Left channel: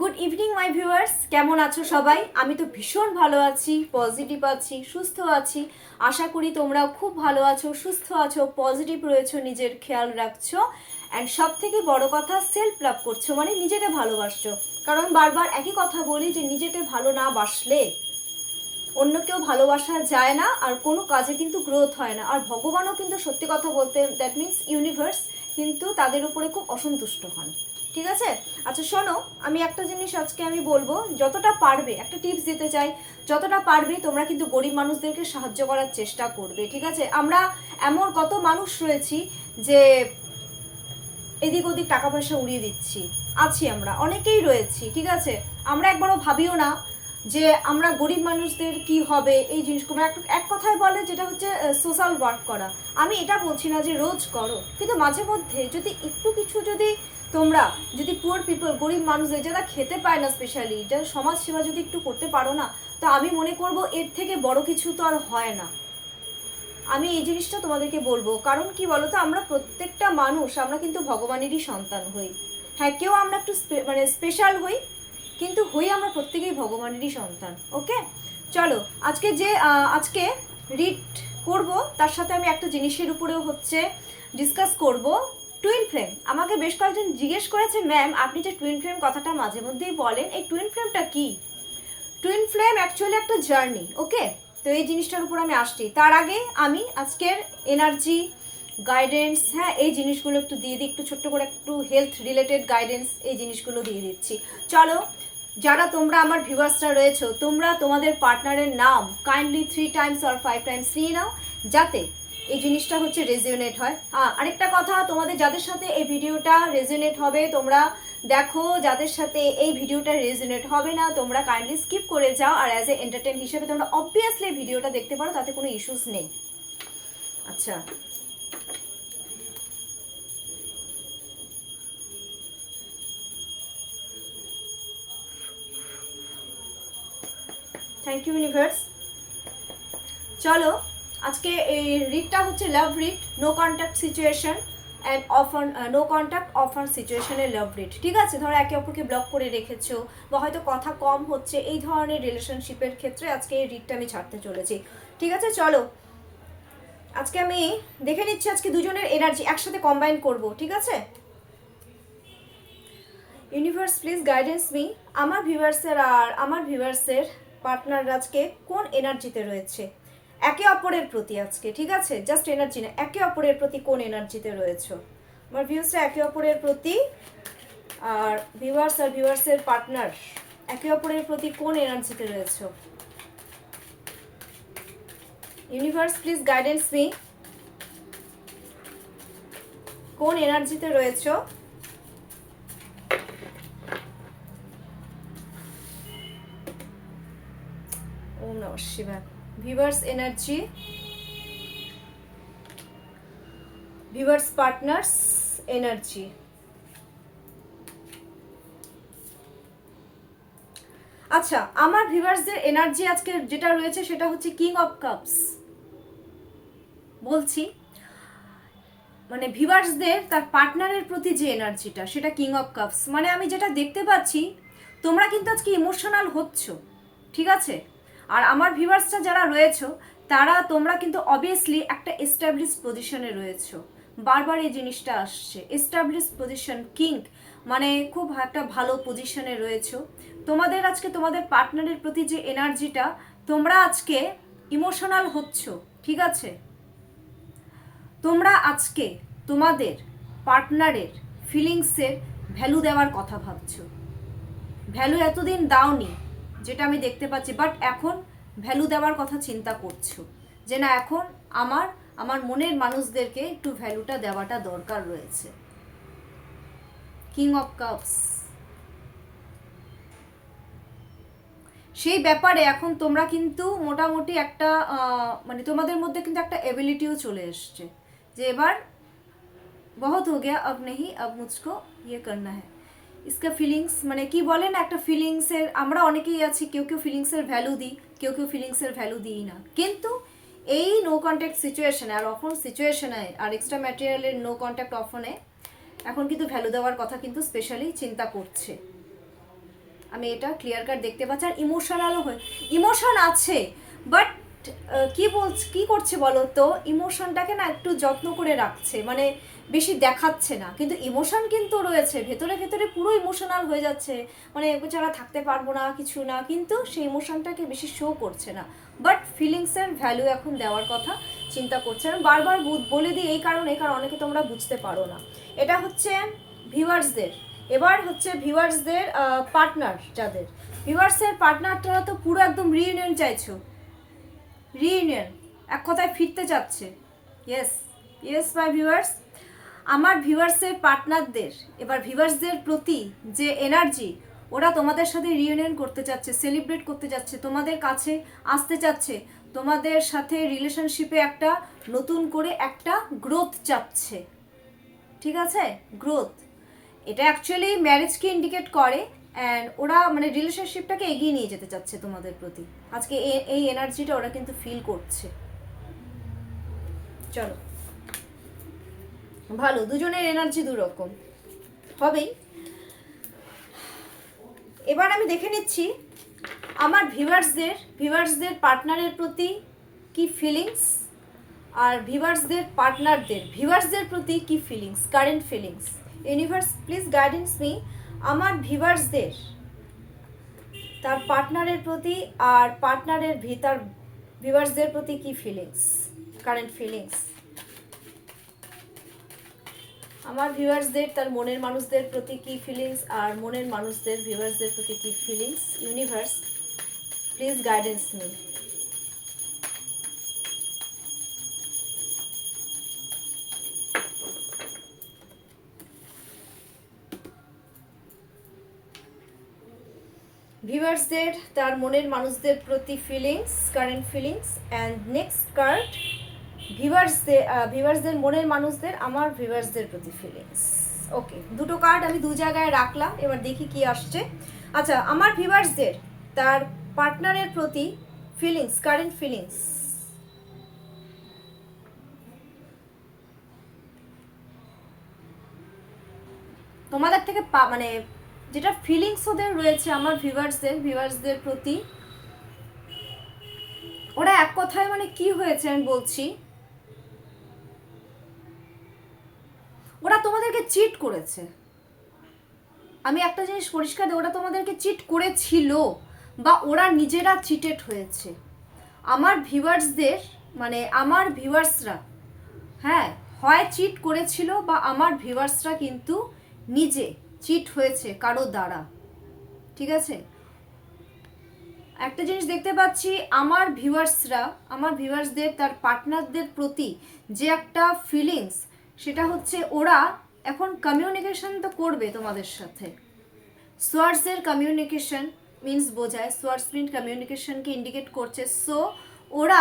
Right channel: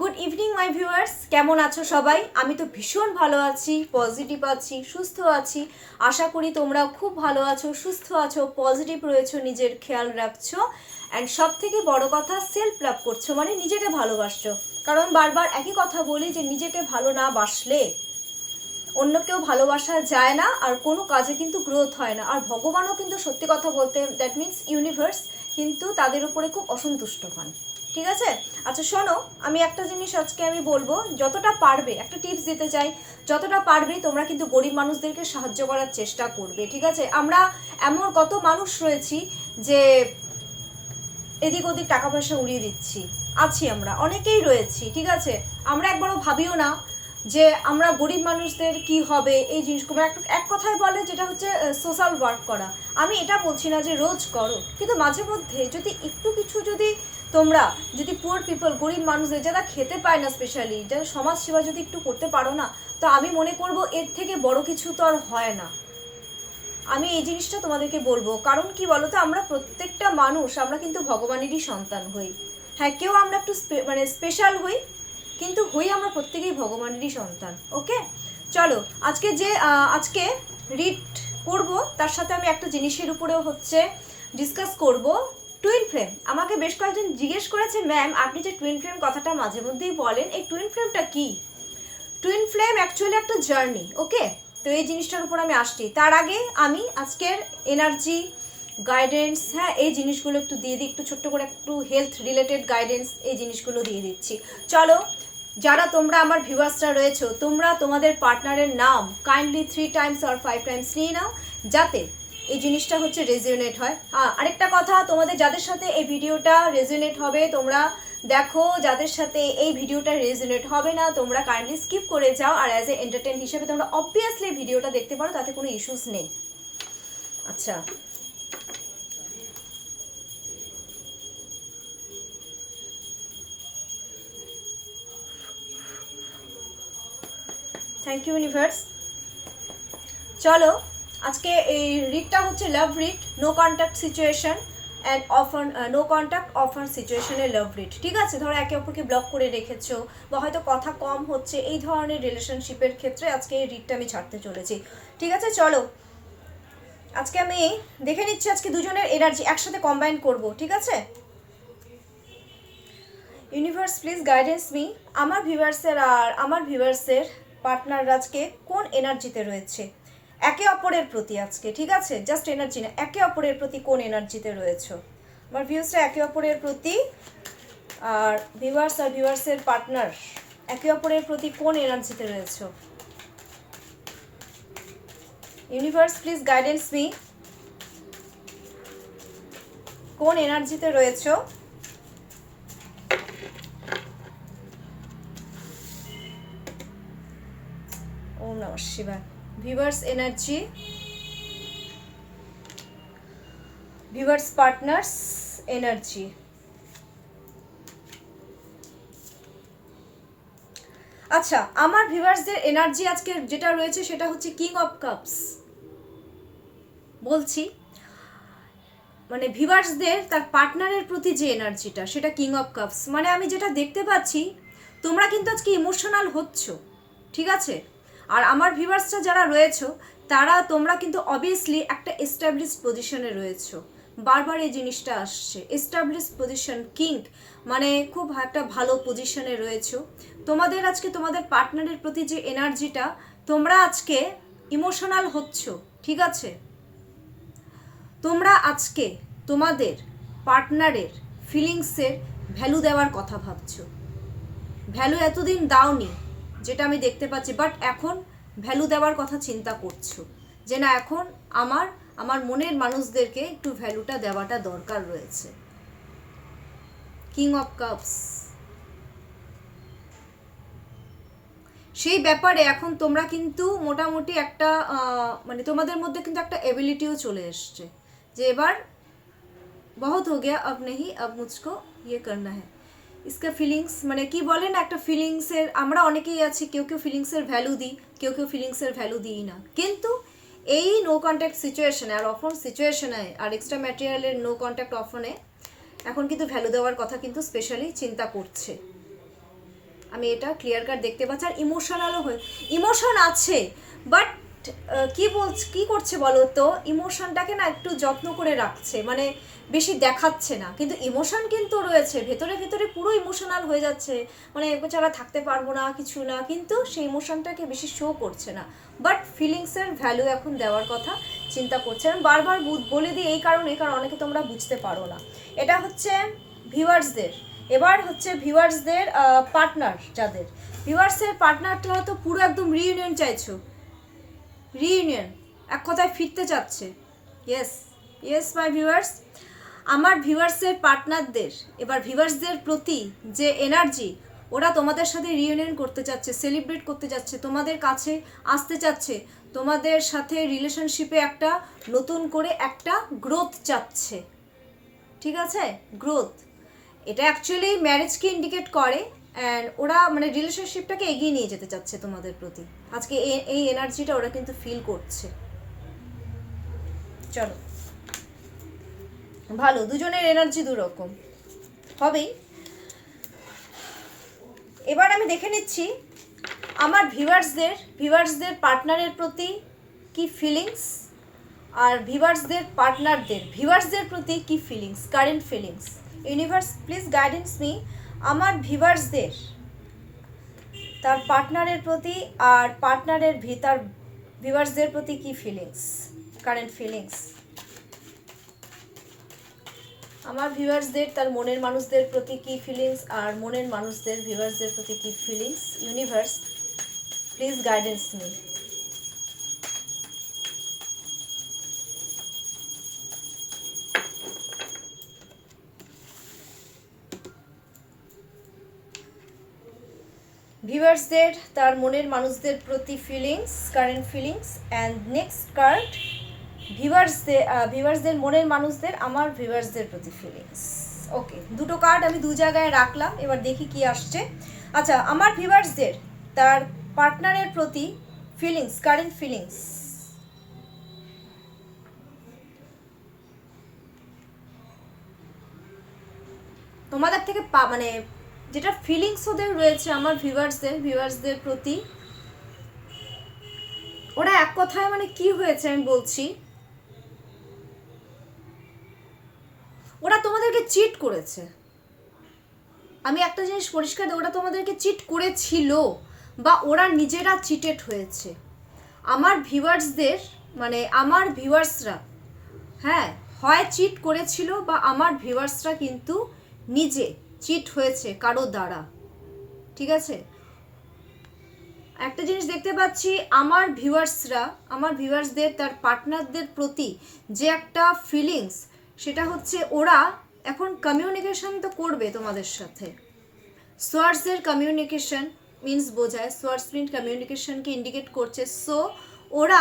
Good evening my viewers, কেমন আছো সবাই? আমি তো ভীষণ ভালো আছি, পজিটিভ আছি, সুস্থ আছি। আশা করি তোমরাও খুব ভালো আছো, সুস্থ আছো, পজিটিভ রয়েছো, নিজের খেয়াল রাখছো। অ্যান্ড সব থেকে বড় কথা, সেলফ লাভ করছো, মানে নিজেকে ভালোবাসছো। কারণ বারবার একই কথা বলি যে নিজেকে ভালো না বাসলে অন্য কেউ ভালোবাসা যায় না, আর কোনো কাজে কিন্তু গ্রোথ হয় না। আর ভগবানও কিন্তু সত্যি কথা বলতে, দ্যাট মিনস ইউনিভার্স, কিন্তু তাদের উপরে খুব অসন্তুষ্ট হন। ঠিক আছে? আচ্ছা শোনো, আমি একটা জিনিস আজকে আমি বলবো, যতটা পারবে একটা টিপস দিতে চাই। যতটা পারবে তোমরা কিন্তু গরিব মানুষদেরকে সাহায্য করার চেষ্টা করবে। ঠিক আছে? আমরা এমন কত মানুষ রয়েছি যে এদিক ওদিক টাকা পয়সা উড়িয়ে দিচ্ছি, আছি আমরা অনেকেই রয়েছি। ঠিক আছে? আমরা একবারও ভাবিও না যে আমরা গরিব মানুষদের কি হবে এই জিনিসগুলো। এক কথায় বলে যেটা হচ্ছে সোশ্যাল ওয়ার্ক করা। আমি এটা বলছি না যে রোজ করো, কিন্তু মাঝে মধ্যে যদি একটু কিছু যদি তোমরা যদি পুয়ার পিপল, গরিব মানুষদের যারা খেতে পায় না, স্পেশালি যারা সমাজ সেবা যদি একটু করতে পারো না, তো আমি মনে করব এর থেকে বড় কিছু তো আর হয় না। আমি এই জিনিসটা তোমাদেরকে বলবো, কারণ কি বলতো, আমরা প্রত্যেকটা মানুষ আমরা কিন্তু ভগবানেরই সন্তান হই। হ্যাঁ, কেউ আমরা একটু মানে স্পেশাল হই, কিন্তু হই আমরা প্রত্যেকেই ভগবানেরই সন্তান। ওকে, চলো আজকে রিড করব, তার সাথে আমি একটা জিনিসের উপরেও হচ্ছে ডিসকাস করব। টুইন ফ্লেম, আমাকে বেশ কয়েকজন জিজ্ঞেস করেছে, ম্যাম আপনি যে টুইন ফ্লেম কথাটা মাঝে মধ্যেই বলেন, এই টুইন ফ্লেমটা কি? টুইন ফ্লেম অ্যাকচুয়ালি একটা জার্নি। ওকে, তো এই জিনিসটার উপর আমি আসছি। তার আগে আমি আজকের এনার্জি গাইডেন্স, হ্যাঁ এই জিনিসগুলো একটু দিয়ে দিই, একটু ছোট্ট করে একটু হেলথ রিলেটেড গাইডেন্স এই জিনিসগুলো দিয়ে দিচ্ছি। চলো, যারা তোমরা আমার ভিউয়ার্সরা রয়েছো, তোমরা তোমাদের পার্টনারের নাম কাইন্ডলি 3 টাইমস আর 5 টাইমস নিয়ে নাও, যাতে এই জিনিসটা হচ্ছে রেজিওনেট হয়। হ্যাঁ, আরেকটা কথা, তোমাদের যাদের সাথে এই ভিডিওটা রেজিওনেট হবে তোমরা দেখো, যাদের সাথে এই ভিডিওটা রেজিওনেট হবে না তোমরা কাইন্ডলি স্কিপ করে যাও। আর অ্যাজ এ এন্টারটেইন হিসেবে তোমরা অবভিয়াসলি ভিডিওটা দেখতে পারো, তাতে কোনো ইস্যুস নেই। আচ্ছা, থ্যাংক ইউ ইউনিভার্স। চলো, আজকে এই রিডটা হচ্ছে love read, no contact situation and offer, no contact offer সিচুয়েশনের লাভ রিড। ঠিক আছে? ধরো একে অপরকে ব্লক করে রেখেছো বা হয়তো কথা কম হচ্ছে, এই ধরনের রিলেশনশিপের ক্ষেত্রে আজকে এই রিডটা আমি ছাড়তে চলেছি। ঠিক আছে? চলো, আজকে আমি দেখে নিচ্ছি, আজকে দুজনের এনার্জি একসাথে কম্বাইন করব। ঠিক আছে? ইউনিভার্স প্লিজ গাইডেন্স মি, আমার ভিউয়ার্সের পার্টনার আজকে কোন এনার্জিতে রয়েছে একে অপরের প্রতি আজকে। ঠিক আছে? জাস্ট এনার্জি না, একে অপরের প্রতি কোন এনার্জিতে রয়েছে আমার ভিউয়ার্সরা একে অপরের প্রতি, আর ভিউয়ার্সের পার্টনার একে অপরের প্রতি কোন এনার্জিতে রয়েছে। ইউনিভার্স প্লিজ গাইডেন্স মি, কোন এনার্জিতে রয়েছে। ওম নমঃ শিবায়। Viewers energy, viewers partners energy. আচ্ছা, আমার ভিউয়ার্সদের এনার্জি আজকে যেটা রয়েছে সেটা হচ্ছে কিং অফ কাপস। বলছি মানে ভিউয়ার্সদের তার পার্টনারের প্রতি যে এনার্জিটা, সেটা কিং অফ কাপস। মানে আমি যেটা দেখতে পাচ্ছি, তোমরা কিন্তু আজকে ইমোশনাল হচ্ছ। ঠিক আছে? আর আমার ভিউয়ার্সরা যারা রয়েছে তোমরা কিন্তু অবভিয়াসলি একটা এস্টাবলিশড পজিশনে রয়েছো। বারবার এই জিনিসটা আসছে, এস্টাবলিশড পজিশন, কিং মানে খুব একটা ভালো পজিশনে রয়েছো। তোমাদের আজকে তোমাদের পার্টনারের প্রতি যে এনার্জিটা, তোমরা আজকে ইমোশনাল হচ্ছ। ঠিক আছে? তোমরা আজকে তোমাদের পার্টনারের ফিলিংসের ভ্যালু দেওয়ার কথা ভাবছো। ভ্যালু এতদিন দাওনি, যেটা আমি দেখতে পাচ্ছি, বাট এখন ভ্যালু দেওয়ার কথা চিন্তা করছো যে না, এখন আমার মনের মানুষদেরকে একটু ভ্যালুটা দেওয়াটা দরকার রয়েছে। কিং অফ কাপস, সেই ব্যাপারে এখন তোমরা কিন্তু মোটামুটি একটা মানে তোমাদের মধ্যে কিন্তু একটা এবিলিটিও চলে এসছে যে এবার বহুত হো গিয়া, আব নেহি, আব মুঝকো ইয়ে করনা হ্যায়। ইসকা ফিলিংস মানে কি বলে না, একটা ফিলিংসের, আমরা অনেকেই আছি, কেউ কেউ ফিলিংসের ভ্যালু দিই, কেউ কেউ ফিলিংসের ভ্যালু দিই না। কিন্তু এই নো কন্ট্যাক্ট সিচুয়েশনে আর অফন সিচুয়েশনে আর এক্সট্রা ম্যাটেরিয়ালের নো কন্ট্যাক্ট অফনে এখন কিন্তু ভ্যালু দেওয়ার কথা কিন্তু স্পেশালি চিন্তা করছে। আমি এটা ক্লিয়ার কাট দেখতে পাচ্ছি। আর ইমোশনালও হয়ে, ইমোশন আছে, বাট কি করছে বলো তো, ইমোশনটাকে না একটু যত্ন করে রাখছে, মানে বেশি দেখাচ্ছে না, কিন্তু ইমোশন কিন্তু রয়েছে ভেতরে ভেতরে, পুরো ইমোশনাল হয়ে যাচ্ছে, মানে ছাড়া থাকতে পারবো না কিছু না, কিন্তু সেই ইমোশনটাকে বেশি শো করছে না। বাট ফিলিংসের ভ্যালু এখন দেওয়ার কথা চিন্তা করছে। আমি বারবার বলে দিই এই কারণে, কারণ অনেকে তোমরা বুঝতে পারো না। এটা হচ্ছে ভিউয়ার্সদের। এবার হচ্ছে ভিউয়ার্সদের পার্টনার, যাদের ভিউয়ার্সের পার্টনারটা তো পুরো একদম রিইউনিয়ন চাইছো, রিইউনিয়ন, এক কথায় ফিরতে চাচ্ছে। ইয়েস ইয়েস মাই ভিউয়ার্স, আমার ভিউয়ার্সের পার্টনারদের, এবার ভিউয়ার্সদের প্রতি যে এনার্জি, ওরা তোমাদের সাথে রিইউনিয়ন করতে চাচ্ছে, সেলিব্রেট করতে চাচ্ছে, তোমাদের কাছে আসতে চাচ্ছে, তোমাদের সাথে রিলেশনশিপে একটা নতুন করে একটা গ্রোথ চাচ্ছে। ঠিক আছে, গ্রোথ, এটা অ্যাকচুয়ালি ম্যারেজকে ইন্ডিকেট করে। অ্যান্ড ওরা মানে রিলেশনশিপটাকে এগিয়ে নিয়ে যেতে চাচ্ছে তোমাদের প্রতি। আজকে এই এনার্জিটা ওরা কিন্তু ফিল করছে। চলো, ভালো, দুজনের এনার্জি দুরকম হবেই। এবার আমি দেখে নিচ্ছি আমার ভিউয়ার্সদের পার্টনারের প্রতি কি ফিলিংস, আর ভিউয়ার্সদের প্রতি কি feelings, current feelings. Universe please guidance me, আমার ভিউয়ার্সদের তার পার্টনারের প্রতি আর পার্টনারের ভিউয়ার্সদের প্রতি কি ফিলিংস, কারেন্ট ফিলিংস। আমার ভিউয়ার্সদের তার মনের মানুষদের প্রতি কি ফিলিংস, আর মনের মানুষদের ভিউয়ার্সদের প্রতি কি feelings. Universe please guidance me. ভিউয়ার্সদের তার মনের মানুষদের প্রতি feelings, current feelings. And next card, ভিউয়ার্সদের মনের মানুষদের আমার ভিউয়ার্সদের প্রতি ফিলিংস। ওকে, দুটো কার্ড আমি দু জায়গায় রাখলাম, এবার দেখি কি আসছে। আচ্ছা, আমার ভিউয়ার্সদের তার পার্টনারের প্রতি ফিলিংস, কারেন্ট ফিলিংস। তোমাদের থেকে মানে যেটা ফিলিংস ওদের রয়েছে আমার ভিউয়ার্সদের প্রতি, ওরা এক কথায় মানে কি হয়েছে আমি বলছি, ওরা তোমাদেরকে চিট করেছে। আমি একটা জিনিস পরিষ্কার দিই, ওরা তোমাদেরকে চিট করেছিল বা ওরা নিজেরা চিটেড হয়েছে। আমার ভিউয়ার্সদের মানে আমার ভিউয়ার্সরা, হ্যাঁ, হয় চিট করেছিল বা আমার ভিউয়ার্সরা কিন্তু নিজে চিট হয়েছে কারো দ্বারা। ঠিক আছে, একটা জিনিস দেখতে পাচ্ছি, আমার ভিউয়ার্সদের তার পার্টনারদের প্রতি যে একটা ফিলিংস, সেটা হচ্ছে ওরা এখন কমিউনিকেশন তো করবে তোমাদের সাথে। সোয়ার্সের কমিউনিকেশন মিনস বোঝায়, সোয়ার্স মিন কমিউনিকেশনকে ইন্ডিকেট করছে। সো ওরা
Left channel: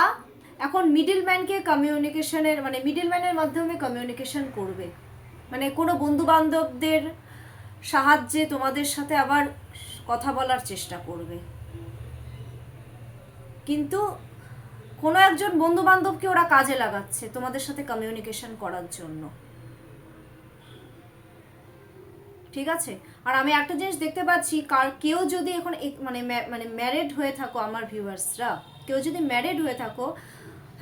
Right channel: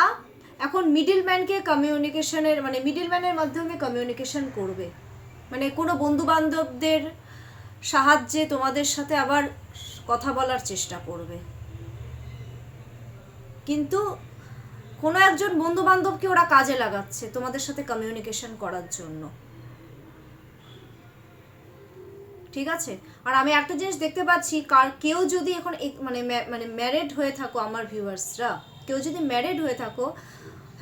এখন মিডলম্যানকে কমিউনিকেশনের মানে মিডলম্যানের মাধ্যমে কমিউনিকেশন করবে, মানে কোনো বন্ধুবান্ধবদের সাহায্যে তোমাদের সাথে আবার কথা বলার চেষ্টা করবে। কিন্তু কোনো একজন বন্ধু বান্ধবকে ওরা কাজে লাগাচ্ছে তোমাদের সাথে কমিউনিকেশন করার জন্য। ঠিক আছে, আর আমি একটা জিনিস দেখতে পাচ্ছি, কেউ যদি এখন মানে ম্যারিড হয়ে থাকো, আমার ভিউয়ার্সরা কেউ যদি ম্যারিড হয়ে থাকো,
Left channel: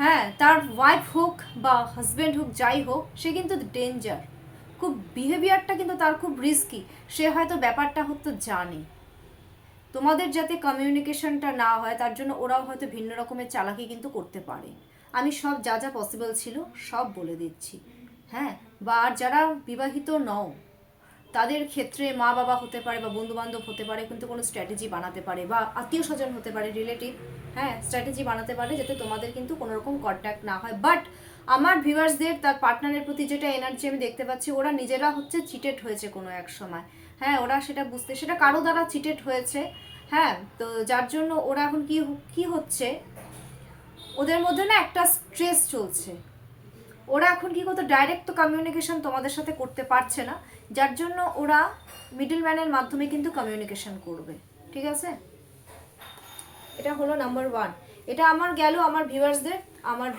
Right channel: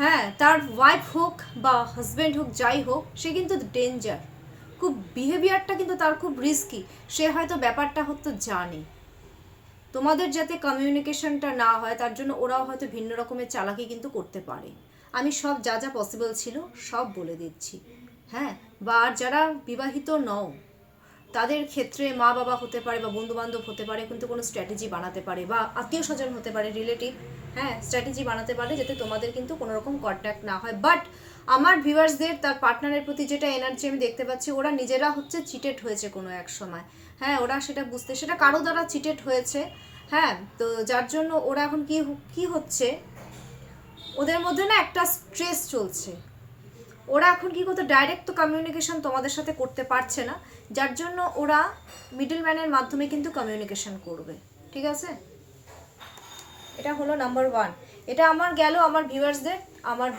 হ্যাঁ, তার ওয়াইফ হোক বা হাজব্যান্ড হোক, যাই হোক, সে কিন্তু ডেঞ্জার, খুব বিহেভিয়ারটা কিন্তু তার খুব রিস্কি। সে হয়তো ব্যাপারটা হয়তো জানে তোমাদের যাতে কমিউনিকেশনটা না হয়, তার জন্য ওরাও হয়তো ভিন্ন রকমের চালাকি কিন্তু করতে পারে। আমি সব যা যা পসিবল ছিল সব বলে দিচ্ছি। হ্যাঁ, বা আর যারা বিবাহিত নও, তাদের ক্ষেত্রে মা বাবা হতে পারে বা বন্ধু বান্ধব হতে পারে, কিন্তু কোনো স্ট্র্যাটেজি বানাতে পারে, বা আত্মীয় স্বজন হতে পারে, রিলেটিভ, হ্যাঁ, স্ট্র্যাটেজি বানাতে পারে যাতে তোমাদের কিন্তু কোনো রকম কন্ট্যাক্ট না হয়। বাট আমার ভিউয়ার্সদের তার পার্টনারের প্রতি যেটা এনার্জি আমি দেখতে পাচ্ছি, ওরা নিজেরা হচ্ছে চিটেড হয়েছে কোনো এক সময়। হ্যাঁ, ওরা সেটা কারো দ্বারা চিটেড হয়েছে। হ্যাঁ, তো যার জন্য ওরা এখন কি হচ্ছে, ওদের মধ্যে না একটা স্ট্রেস চলছে। ওরা এখন কি করতে, ডাইরেক্ট তো কমিউনিকেশন তোমাদের সাথে করতে পারছে না, যার জন্য ওরা মিডলম্যানের মাধ্যমে কিন্তু কমিউনিকেশন করবে। ঠিক আছে, এটা হলো নাম্বার 1। এটা আমার গেল আমার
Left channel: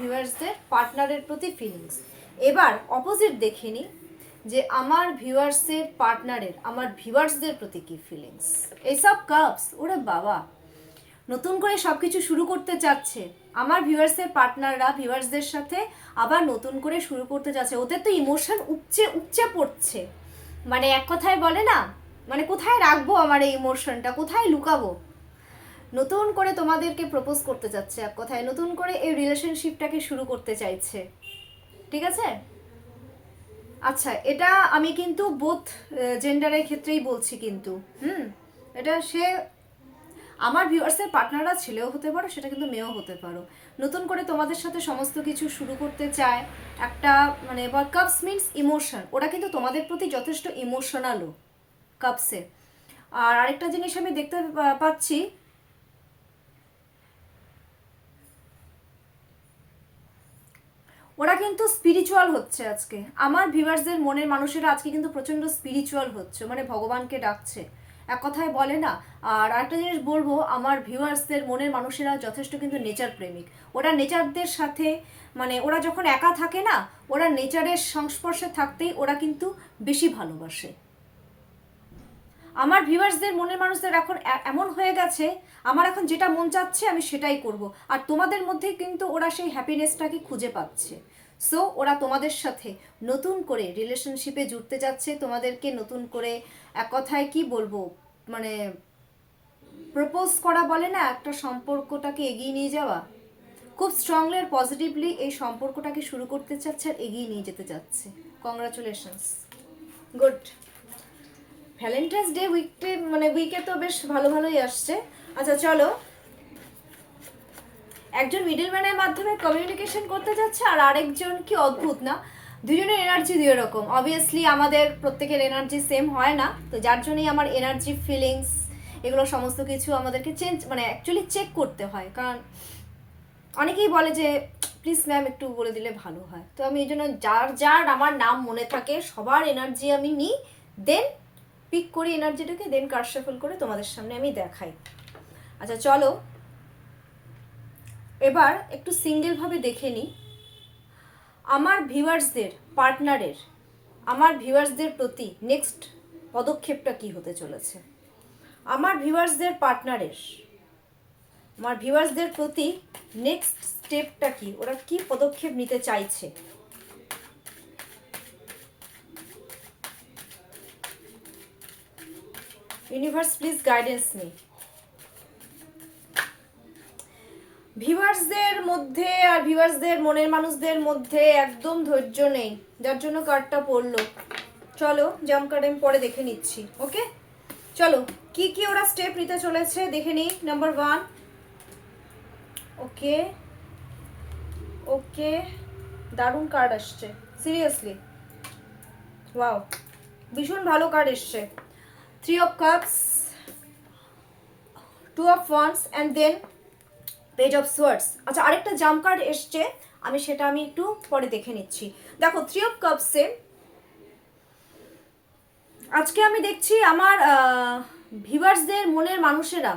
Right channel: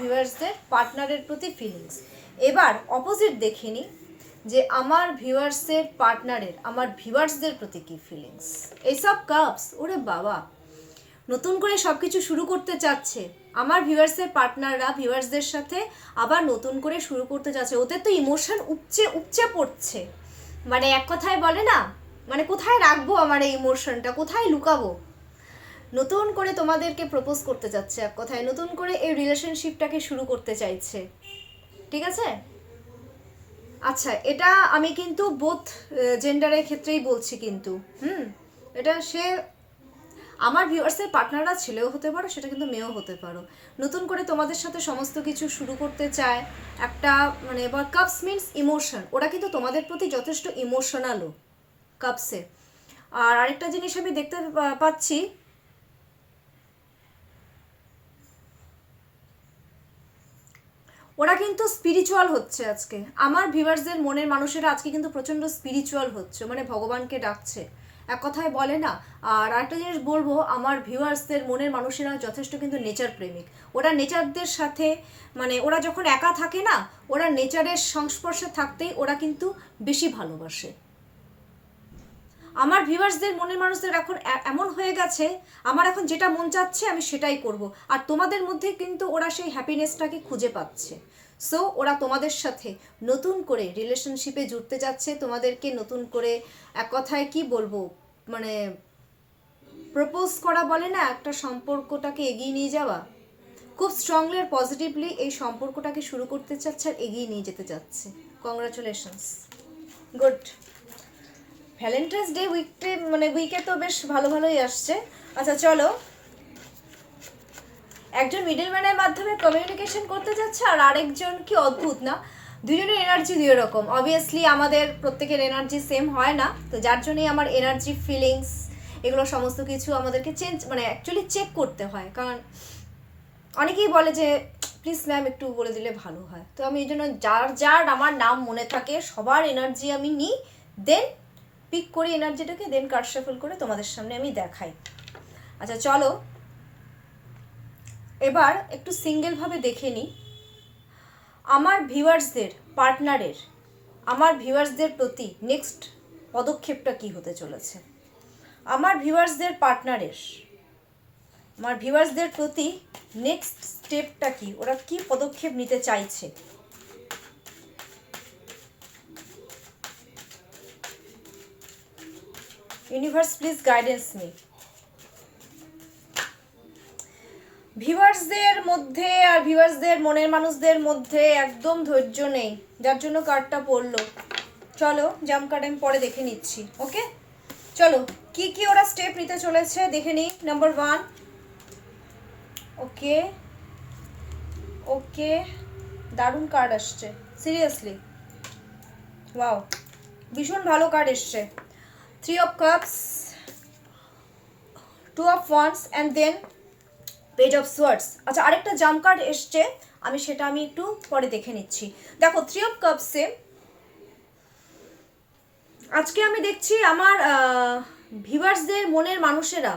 ভিউয়ার্সদের পার্টনারের প্রতি ফিলিংস। এবার অপোজিট দেখে নিই, যে আমার ভিউয়ার্সের পার্টনারের আমার ভিউয়ার্সদের প্রতি কী ফিলিংস। এইসব কাপস, ওরে বাবা, নতুন করে সব কিছু শুরু করতে চাচ্ছে আমার ভিউয়ার্সের পার্টনাররা ভিউয়ার্সদের সাথে, আবার নতুন করে শুরু করতে চাচ্ছে। ওদের তো ইমোশন উপচে উপচে পড়ছে, মানে এক কথায় বলে না, মানে কোথায় রাখবো আমার এই ইমোশনটা, কোথায় লুকাবো। নতুন করে তোমাদেরকে প্রপোজ করতে যাচ্ছে, এক কথায় নতুন করে এই রিলেশনশিপটাকে শুরু করতে চাইছে, ঠিক আছে। আচ্ছা, এটা আমি কিন্তু বোথ জেন্ডারের ক্ষেত্রেই বলছি কিন্তু, এটা সে আমার ভিউয়ার্সের পার্টনাররা ছেলেও হতে পারো, সেটা কিন্তু মেয়েও হতে পারো। নতুন করে তোমাদের সাথে সমস্ত কিছু শুরু করতে চায় একটা, মানে কাপস মিনস ইমোশন, ওরা কিন্তু তোমাদের প্রতি যথেষ্ট ইমোশনালও কাপসে। আর আরেকটা জিনিস আমি দেখতে পাচ্ছি, ওরা কিন্তু স্পিরিচুয়াল হচ্ছে আজকে। আমার ভিউয়ার্সদের মনের মানুষেরা আজকে কিন্তু প্রচণ্ড স্পিরিচুয়াল হচ্ছে, মানে ভগবানকে ডাকছে, এক কথায় বলে না। আর আরেকটা জিনিস বলবো, আমার ভিউয়ার্সদের মনের মানুষেরা যথেষ্ট কিন্তু নেচার প্রেমিক। ওরা নেচারদের সাথে, মানে ওরা যখন একা থাকে না, ওরা নেচারের সংস্পর্শে থাকতেই ওরা কিন্তু বেশি ভালোবাসে। আমার ভিউয়ার্সদের মনের মানুষদের এখন এমন হয়ে গেছে, আমার এখন যেটা মন চাচ্ছে আমি সেটাই করব। আর তোমাদের মধ্যে কিন্তু ওরা সেই হ্যাপিনেসটাকে খুঁজে পাচ্ছে। সো ওরা তোমাদের সাথে নতুন করে রিলেশনশিপে জুড়তে যাচ্ছে, তোমাদেরকে নতুন করে, এক কথায় কি বলবো, মানে প্রপোজ করা বলে না, একটা সম্পর্কটাকে এগিয়ে নিয়ে যাওয়া। খুব স্ট্রংলি আর পজিটিভলি এই সম্পর্কটাকে শুরু করতে চাচ্ছে আর এগিয়ে নিয়ে যেতে চাচ্ছে। Congratulations, good. ভ্যালেন্টাইন্স ডে উইকটে, মানে উইকে তো বেশ ভালো ভালোই আসছে। আচ্ছা চলো, একজন মিডলম্যানের মাধ্যমে কমিউনিকেশন করতে যাচ্ছে, আর আরেকজন, কি অদ্ভুত না, দুজনের এনার্জি দুই রকম। অবভিয়াসলি আমাদের প্রত্যেকের এনার্জি সেম হয় না, তো যার জন্যই আমার এনার্জি, ফিলিংস, এগুলো সমস্ত কিছু আমাদেরকে চেঞ্জ, মানে অ্যাকচুয়ালি চেক করতে হয়। কারণ অনেকেই বলে যে প্লিজ ম্যাম একটু বলে দিলে ভালো হয়, তো আমি এই জন্য যার যার আমার নাম মনে থাকে সবার এনার্জি আমি নিই, দেন পিক করি এনার্জিটাকে, দেন কার্ড শাফল করে তোমাদের সামনে আমি দেখাই। আচ্ছা চলো, এবার একটু সিঙ্গেলভাবে দেখে নিই আমার ভিউয়ার্সদের পার্টনারের, আমার ভিউয়ার্সদের প্রতি নেক্সট পদক্ষেপটা কি হতে চলেছে। আমার ভিউয়ার্সদের পার্টনারের, আমার ভিউয়ার্সদের প্রতি নেক্সট স্টেপটা কি, ওরা কি পদক্ষেপ নিতে চাইছে। Universe please guidance me. ভিউয়ার্সদের মধ্যে আর ভিউয়ার্সদের মনের মানুষদের মধ্যে একদম ধৈর্য নেই, যার জন্য কার্ডটা পড়লো। চলো জাম্প কার্ড আমি পরে দেখে নিচ্ছি। ওকে চলো, কি কি ওরা স্টেপ নিতে চলেছে দেখে নিই। নাম্বার 1, ওকে ওকে, দারুণ কার্ড আসছে, সিরিয়াসলি ওয়াও, ভীষণ ভালো কার্ড এসছে। 3 of Cups, 2 of Wands and then page of swords. আচ্ছা আরেকটা জাম্প কার্ড এসছে, আমি সেটা একটু পরে দেখে নিচ্ছি। দেখো 3 of Cupsে আজকে আমি দেখছি আমার ভিউয়ার্সদের মনের মানুষেরা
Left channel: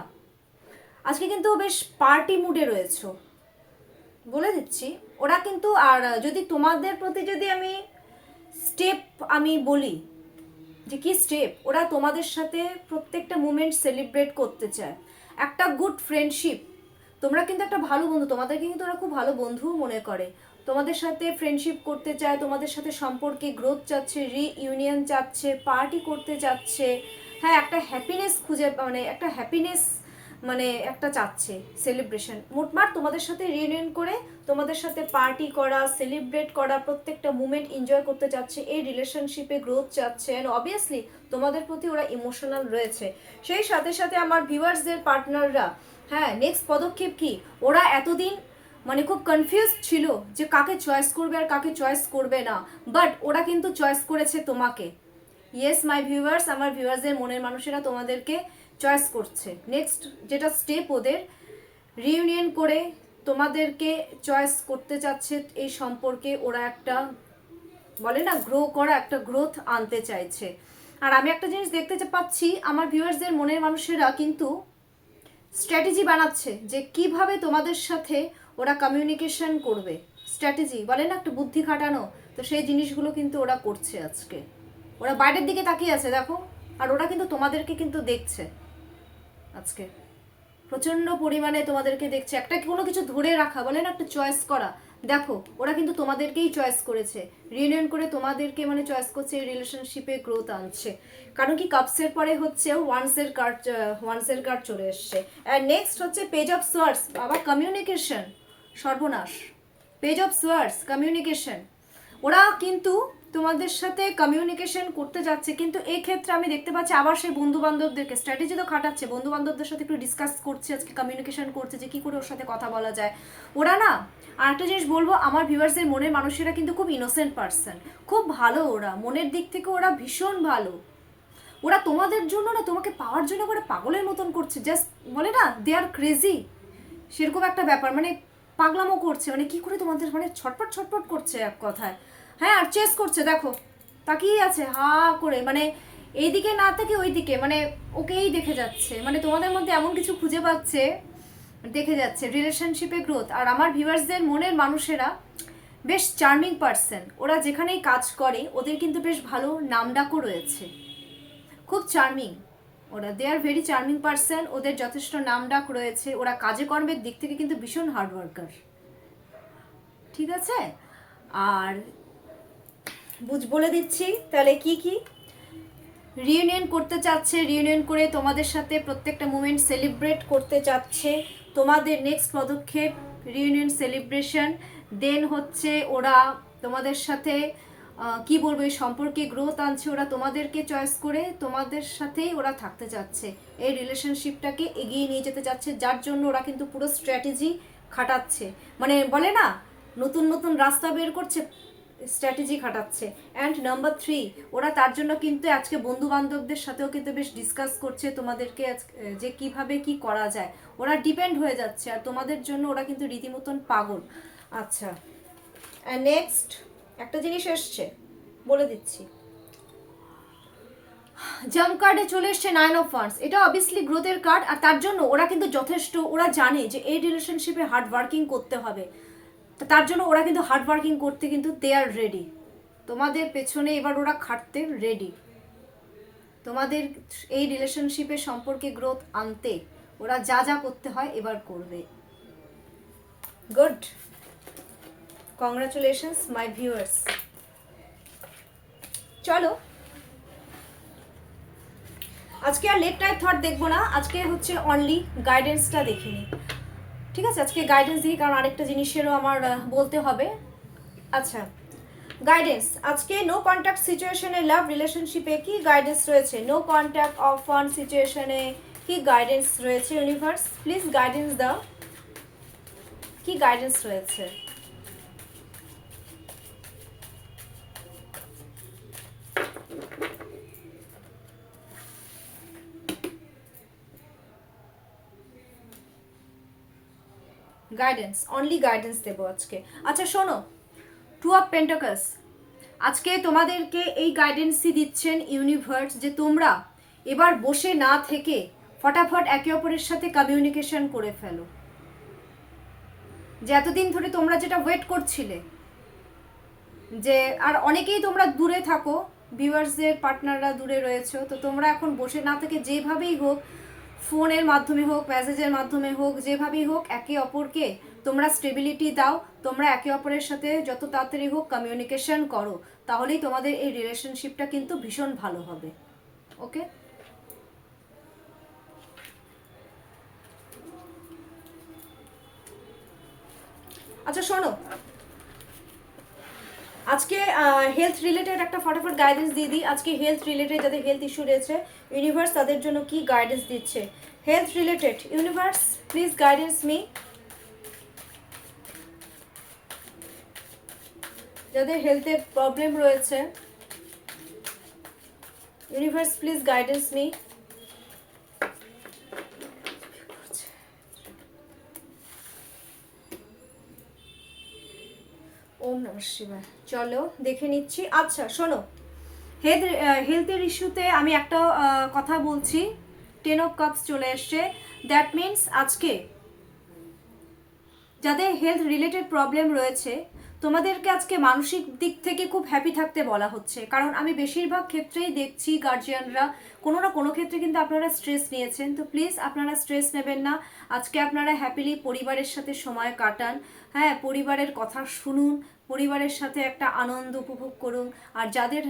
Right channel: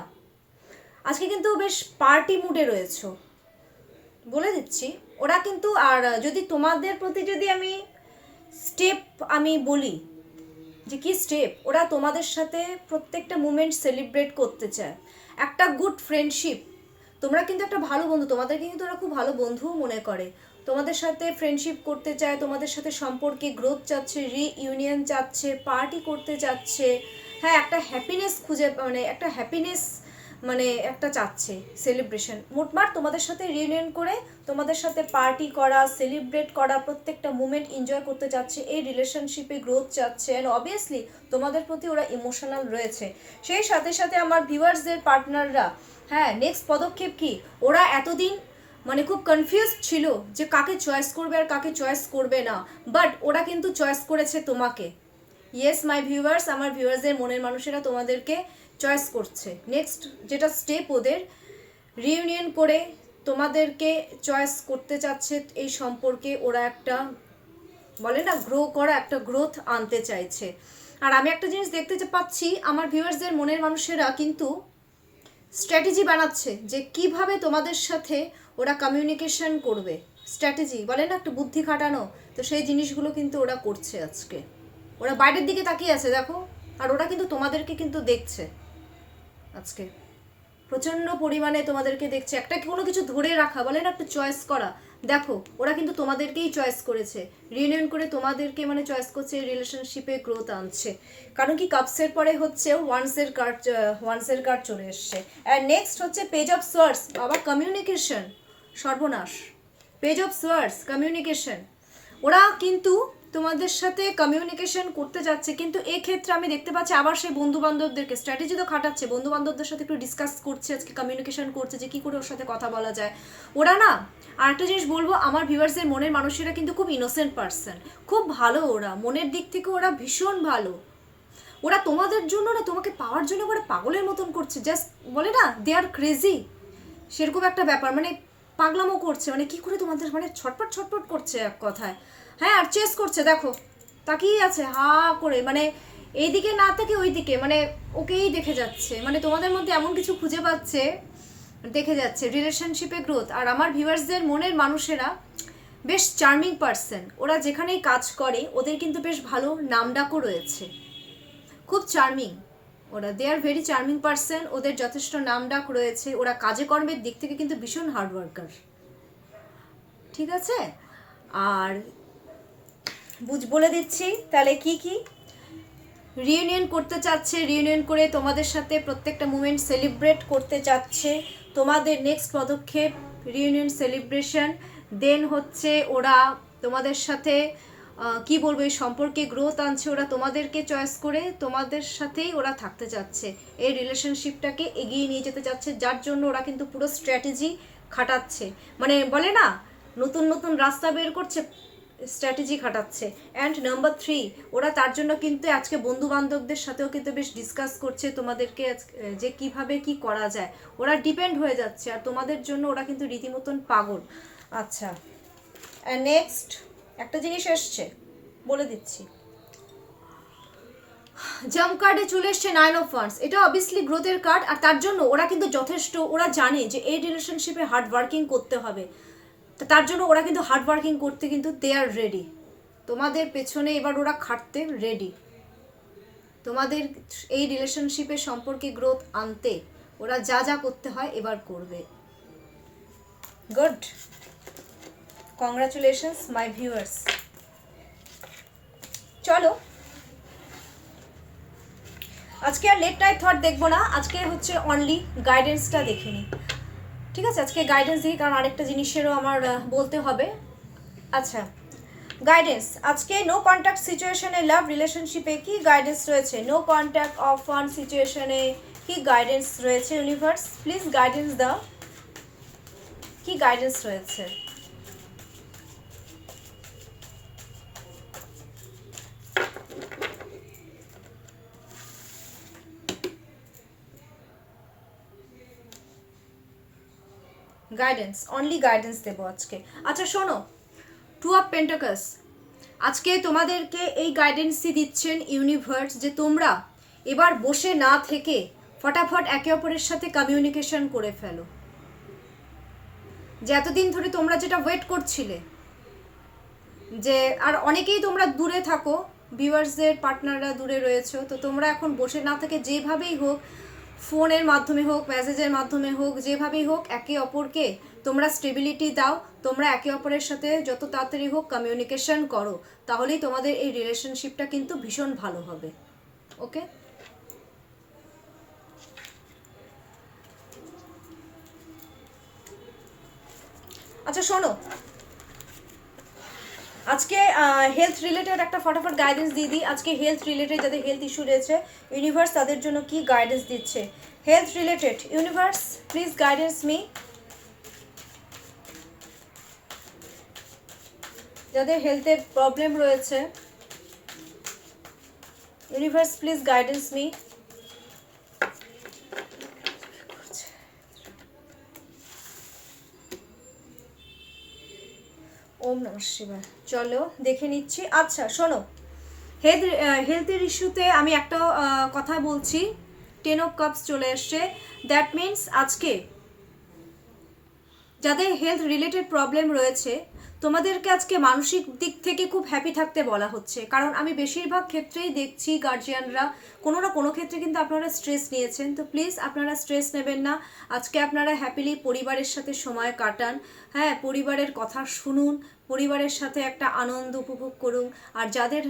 আজকে কিন্তু বেশ পার্টি মুডে রয়েছে, বলে দিচ্ছি। ওরা কিন্তু, আর যদি তোমাদের প্রতি যদি আমি স্টেপ আমি বলি যে কি স্টেপ, ওরা তোমাদের সাথে প্রত্যেকটা মুমেন্ট সেলিব্রেট করতে চায়, একটা গুড ফ্রেন্ডশিপ। তোমরা কিন্তু একটা ভালো বন্ধু, তোমাদেরকে কিন্তু ওরা খুব ভালো বন্ধুও মনে করে, তোমাদের সাথে ফ্রেন্ডশিপ করতে চায়, তোমাদের সাথে সম্পর্কে গ্রোথ চাচ্ছে, রিইউনিয়ন চাচ্ছে, পার্টি করতে চাচ্ছে, হ্যাঁ একটা হ্যাপিনেস খুঁজে, মানে একটা হ্যাপিনেস, মানে একটা চাচ্ছে সেলিব্রেশন। মোটমাট তোমাদের সাথে রিইউনিয়ন করে তোমাদের সাথে পার্টি করা, সেলিব্রেট করা, প্রত্যেকটা মুমেন্ট এনজয় করতে চাচ্ছে, এই রিলেশনশিপে গ্রোথ চাচ্ছে, অ্যান্ড অবভিয়াসলি তোমাদের প্রতি ওরা ইমোশনাল রয়েছে। সেই সাথে সাথে আমার ভিউয়ার্সদের পার্টনাররা, হ্যাঁ নেক্সট পদক্ষেপ কি, ওরা এতদিন মানে খুব কনফিউজ ছিল যে কাকে চয়েস করবে আর কাকে চয়েস করবে না, বাট ওরা কিন্তু চয়েস করেছে তোমাকে। ইয়েস মাই ভিউয়ার্স, আমার ভিউয়ার্সদের মনের মানুষেরা তোমাদেরকে চয়েস করছে। নেক্সট যেটা স্টেপ ওদের, রিইউনিয়ন করে তোমাদেরকে চয়েস করতে চাচ্ছে, এই সম্পর্কে ওরা একটা বলে না গ্রো করা, একটা গ্রোথ আনতে চাইছে। আর আমি একটা জিনিস দেখতে পাচ্ছি, আমার ভিউয়ার্সদের মনের মানুষেরা কিন্তু স্ট্র্যাটেজি বানাচ্ছে যে কিভাবে তোমাদের সাথে ওরা কমিউনিকেশন করবে। স্ট্র্যাটেজি বলে না, একটু বুদ্ধি খাটানো, তো সেই জিনিসগুলো কিন্তু ওরা করছে আজকে। ওরা বাইরের দিকে তাকিয়ে আছে দেখো, আর ওরা কিন্তু তোমাদেরকে কিন্তু দেখছে আজকে, প্রচণ্ড পরিমাণে তোমাদেরকে দেখছে। একটা কোনো কিছু ধরে রাখা বলে না, একটা চয়েস করা, দেখো ওরা কিন্তু তোমাদেরকেই চয়েস করেছে, রিউনিয়ন করে তোমাদেরকে মানে চয়েস করছে, রিলেশনশিপে গ্রোথ আনছে। কারণ কি কাপসের পরে হচ্ছে ওয়ান্সের কার্ড চলে এসছে। আর নেক্সট হচ্ছে পেজ অফ সোয়ার্ডস, বাবা কমিউনিকেশন, সর্বনাশ। পেজ অফ সোয়ার্ডস কমিউনিকেশন, ওরা কিন্তু তোমাদের সাথে কমিউনিকেশন করতে যাচ্ছে, কিন্তু এক্ষেত্রে আমি দেখতে পাচ্ছি আবার সেই বন্ধু বান্ধবদেরকে স্ট্র্যাটেজি তো খাটাচ্ছে, বন্ধু বান্ধবদের সাথে একটু ডিসকাস করছে, আজকে কমিউনিকেশন করছে যে কী করে ওর সাথে কথা বলা যায়। ওরা না, আর একটা জিনিস বলবো, আমার ভিউয়ার্সদের মনের মানুষেরা কিন্তু খুব ইনোসেন্ট পার্সন, খুব ভালো, ওরা মনের দিক থেকে ওরা ভীষণ ভালো। ওরা তোমাদের জন্য না, তোমাকে পাওয়ার জন্য ওরা পাগলের মতন করছে, জাস্ট বলে না দে আর ক্রেজি, সেরকম একটা ব্যাপার, মানে পাগলামো করছে, মানে কি করে তোমাদের মানে ছটপট ছটপট করছে এক কথায়। হ্যাঁ, আর চেস করছে দেখো, তাকিয়ে আছে হা করে, মানে এইদিকে না থেকে ওই দিকে, মানে ওকেই দেখে যাচ্ছে, মানে তোমাদের মধ্যে এমন কিছু খুঁজে পাচ্ছে, দেখে যাচ্ছে রিলেশনশিপে গ্রোথ। আর আমার ভিউয়ার্সদের মনের মানুষেরা বেশ চার্মিং পার্সন, ওরা যেখানেই কাজ করে ওদের কিন্তু বেশ ভালো নামডাকও রয়েছে, খুব চার্মিং ওরা, দে আর ভেরি চার্মিং পার্সন, ওদের যথেষ্ট নামডাক রয়েছে, ওরা কাজে কর্মের দিক থেকে কিন্তু ভীষণ হার্ড ওয়ার্কার, ঠিক আছে। আর বলে দিচ্ছি তাহলে কি কি রিউনিয়ন করতে চাচ্ছে, রিউনিয়ন করে তোমাদের সাথে প্রত্যেকটা মুমেন্ট সেলিব্রেট করতে চাচ্ছে, তোমাদের নেক্সট পদক্ষেপ রিউনিয়ন সেলিব্রেশন, দেন হচ্ছে ওরা তোমাদের সাথে কি বলবো এই সম্পর্কে গ্রোথ আনছে, ওরা তোমাদেরকে চয়েস করে তোমাদের সাথেই ওরা থাকতে চাচ্ছে, এই রিলেশনশিপটাকে এগিয়ে নিয়ে যেতে চাচ্ছে, যার জন্য ওরা কিন্তু পুরো স্ট্র্যাটেজি খাটাচ্ছে, মানে বলে না নতুন নতুন রাস্তা বের করছে, স্ট্র্যাটেজি খাটাচ্ছে। অ্যান্ড নাম্বার 3, ওরা তার জন্য কিন্তু আজকে বন্ধু বান্ধবদের সাথেও কিন্তু বেশ ডিসকাস করছে তোমাদেরকে যে কিভাবে কি করা যায়, ওরা ডিপেন্ড হয়ে যাচ্ছে, আর তোমাদের জন্য ওরা কিন্তু রীতিমতন পাগল। আচ্ছা, নেক্সট একটা জিনিস এসছে বলে দিচ্ছি, জাম্প কার্ডে চলে এসছে 9 অফ ওয়ান্ডস, এটা অবভিয়াসলি গ্রোথের কার্ড, আর তার জন্য ওরা কিন্তু যথেষ্ট, ওরা জানে যে এই রিলেশনশিপে হার্ড ওয়ার্কিং করতে হবে, তার জন্য ওরা কিন্তু হার্ড ওয়ার্কিং করতে কিন্তু দে আর রেডি, তোমাদের পেছনে এবার ওরা খাটতে রেডি, তোমাদের এই রিলেশনশিপের সম্পর্কে গ্রোথ আনতে ওরা যা যা করতে হয় এবার করবে। গুড, কংগ্রাচুলেশনস মাই ভিউয়ার্স। চলো আজকে আর লেট নাইট থট দেখবো না, আজকে হচ্ছে অনলি গাইডেন্সটা দেখে নিই, ঠিক আছে। আজকে গাইডেন্স দিই, কারণ আরেকটা জিনিসেরও আমার বলতে হবে। আচ্ছা, গাইডেন্স আজকে নো কন্ট্যাক্ট সিচুয়েশনে লাভ রিলেশনশিপে কি গাইডেন্স রয়েছে, নো কন্ট্যাক্ট অফ ফান সিচুয়েশনে কি গাইডেন্স রয়েছে, ইউনিভার্স প্লিজ গাইডেন্স দাও, কি গাইডেন্স রয়েছে। গাইডেন্স, অনলি গাইডেন্স দেবো আজকে। আচ্ছা শোনো, 2 অফ পেন্টাকলস, আজকে তোমাদেরকে এই গাইডেন্সই দিচ্ছেন ইউনিভার্স, যে তোমরা এবার বসে না থেকে ফটাফট একে অপরের সাথে কমিউনিকেশন করে ফেলো, যে এতদিন ধরে তোমরা যেটা ওয়েট করছিলে, যে আর অনেকেই তোমরা দূরে থাকো, ভিউয়ার্সদের পার্টনাররা দূরে রয়েছে, তো তোমরা এখন বসে না থেকে যেভাবেই হোক, ফোনের মাধ্যমে হোক, মেসেজের মাধ্যমে হোক, যেভাবেই হোক একে অপরকে তোমরা স্টেবিলিটি দাও, তোমরা একে অপরের সাথে যত তাড়াতাড়ি হোক কমিউনিকেশন করো, তাহলেই তোমাদের এই রিলেশনশিপটা কিন্তু ভীষণ ভালো হবে। ওকে, আচ্ছা শোনো, আজকে হেলথ রিলেটেড একটা ফটাফট গাইডেন্স দিয়ে দিই। আজকে হেলথ রিলেটেড যাদের হেলথ ইস্যু রয়েছে, ইউনিভার্স তাদের জন্য কি গাইডেন্স দিচ্ছে health related, universe please guidance me. যাদের হেলথে প্রবলেম রয়েছে, ইউনিভার্স প্লিজ গাইডেন্স মি। ওম নমঃ শিবায়, চলো দেখে নিচ্ছি। আচ্ছা শোনো, হেলথের ইস্যুতে আমি একটা কথা বলছি, 10 অফ কাপস চলে এসছে, দ্যাট মিনস আজকে যাদের হেলথ রিলেটেড প্রবলেম রয়েছে তোমাদেরকে আজকে মানসিক দিক থেকে খুব হ্যাপি থাকতে বলা হচ্ছে, কারণ আমি বেশিরভাগ ক্ষেত্রেই দেখছি গার্জিয়ানরা কোনো না কোনো ক্ষেত্রে কিন্তু আপনারা স্ট্রেস নিয়েছেন। তো প্লিজ আপনারা স্ট্রেস নেবেন না, আজকে আপনারা হ্যাপিলি পরিবারের সাথে সময় কাটান, হ্যাঁ পরিবারের কথা শুনুন, পরিবারের সাথে একটা আনন্দ উপভোগ করুন। আর যাদের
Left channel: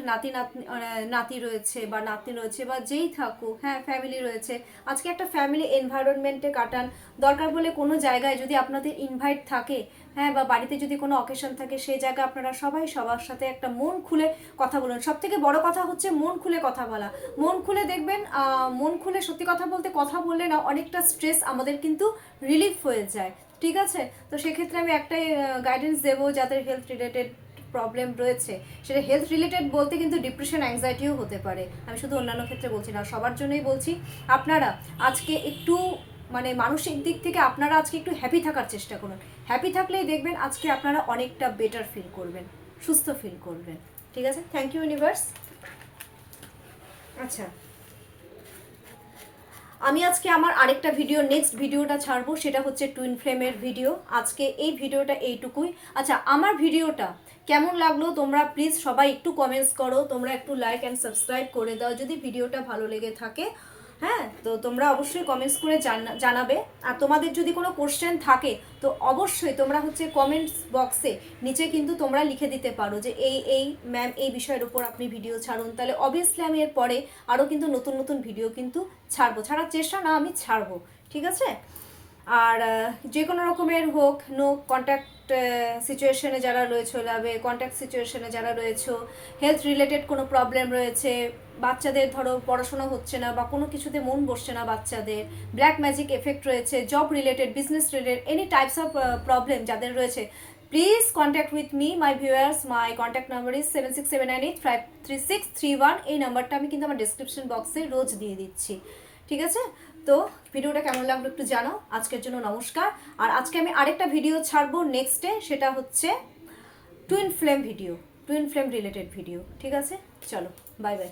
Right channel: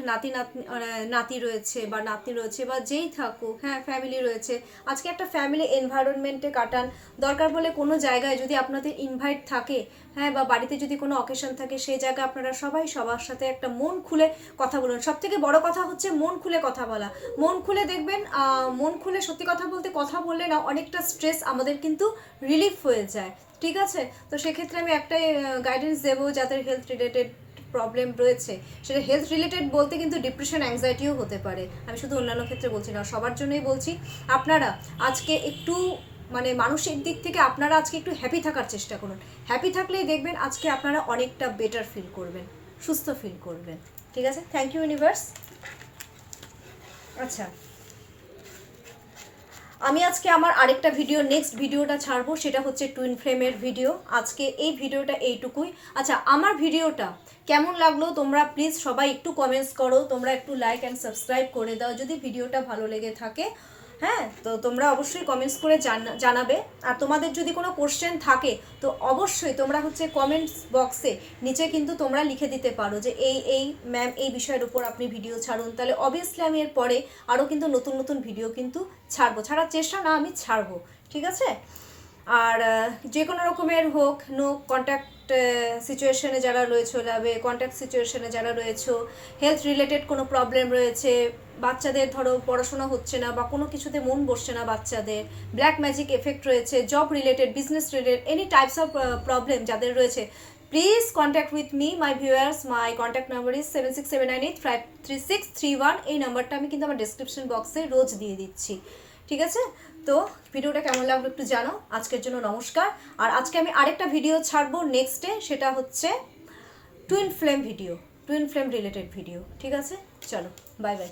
নাতি রয়েছে বা নাতনি রয়েছে বা যেই থাকুক, হ্যাঁ ফ্যামিলি রয়েছে, আজকে একটা ফ্যামিলি এনভায়রনমেন্টে কাটান। দরকার বলে কোনো জায়গায় যদি আপনাদের ইনভাইট থাকে, হ্যাঁ বা বাড়িতে যদি কোনো অকেশন থাকে, সেই জায়গায় আপনারা সবাই সবার সাথে একটা মন খুলে কথা বলুন। সব থেকে বড় কথা হচ্ছে মন খুলে কথা বলা। মন খুলে দেখবেন, মন খুলে সত্যি কথা বলতে কথা বললে না অনেকটা স্ট্রেস আমাদের কিন্তু রিলিফ হয়ে যায়, ঠিক আছে? তো সেক্ষেত্রে আমি একটাই গাইডেন্স দেবো, যাদের হেলথ রিলেটেড প্রবলেম রয়েছে, সেটা হেলথ রিলেটেড বলতে কিন্তু ডিপ্রেশন অ্যাংজাইটিও হতে পারে, আমি শুধু অন্যান্য ক্ষেত্রে বলছি না, সবার জন্যই বলছি। আপনারা আজকে একটু মানে মানসিক দিক থেকে আপনারা আজকে একটু হ্যাপি থাকার চেষ্টা করুন। হ্যাপি থাকলেই দেখবেন আজকে আপনারা অনেকটা বেটার ফিল করবেন, সুস্থ ফিল করবেন, ঠিক আছে? Thank you universe. আচ্ছা, আমি আজকে আমার আরেকটা ভিডিও, নেক্সট ভিডিওটা ছাড়বো, সেটা হচ্ছে টুইন ফ্লেমের ভিডিও। আজকে এই ভিডিওটা এইটুকুই। আচ্ছা, আমার ভিডিওটা কেমন লাগলো তোমরা প্লিজ সবাই একটু কমেন্টস করো, তোমরা একটু লাইক অ্যান্ড সাবস্ক্রাইব করে দাও যদি ভিডিওটা ভালো লেগে থাকে। হ্যাঁ, তো তোমরা অবশ্যই কমেন্টস করে জানাবে। আর তোমাদের যদি কোনো কোশ্চেন থাকে তো অবশ্যই তোমরা হচ্ছে কমেন্টস বক্সে নিচে কিন্তু তোমরা লিখে দিতে পারো যে এই ম্যাম এই বিষয়ের উপর আপনি ভিডিও ছাড়ুন, তাহলে অবভিয়াসলি আমি এর পরে আরও কিন্তু নতুন নতুন ভিডিও কিন্তু ছাড়ার চেষ্টা না, আমি ছাড়বো, ঠিক আছে? আর যে কোনো রকমের হোক, নো কন্ট্যাক্ট সিচুয়েশনে যারা রয়েছে যাবে, কন্ট্যাক্ট সিচুয়েশনে যারা রয়েছে, হেলথ রিলেটেড কোনো প্রবলেম রয়েছে, বাচ্চাদের ধরো পড়াশোনা হচ্ছে না বা কোনো কিছুতে মন বসছে না বাচ্চাদের, ব্ল্যাক ম্যাজিক এফেক্ট রয়েছে, job related, business related, any types of problem যাদের রয়েছে, please contact with me my viewers. My contact number is 7679853631। এই নাম্বারটা আমি কিন্তু আমার ডিসক্রিপশন বক্সে রোজ দিয়ে দিচ্ছি, ঠিক আছে? তো ভিডিওটা কেমন লাগলো একটু জানাও। আজকের জন্য নমস্কার। আর আজকে আমি আরেকটা ভিডিও ছাড়বো নেক্সটে, সেটা হচ্ছে twin flame video, twin flame related video, ঠিক আছে? চলো, বাই বাই।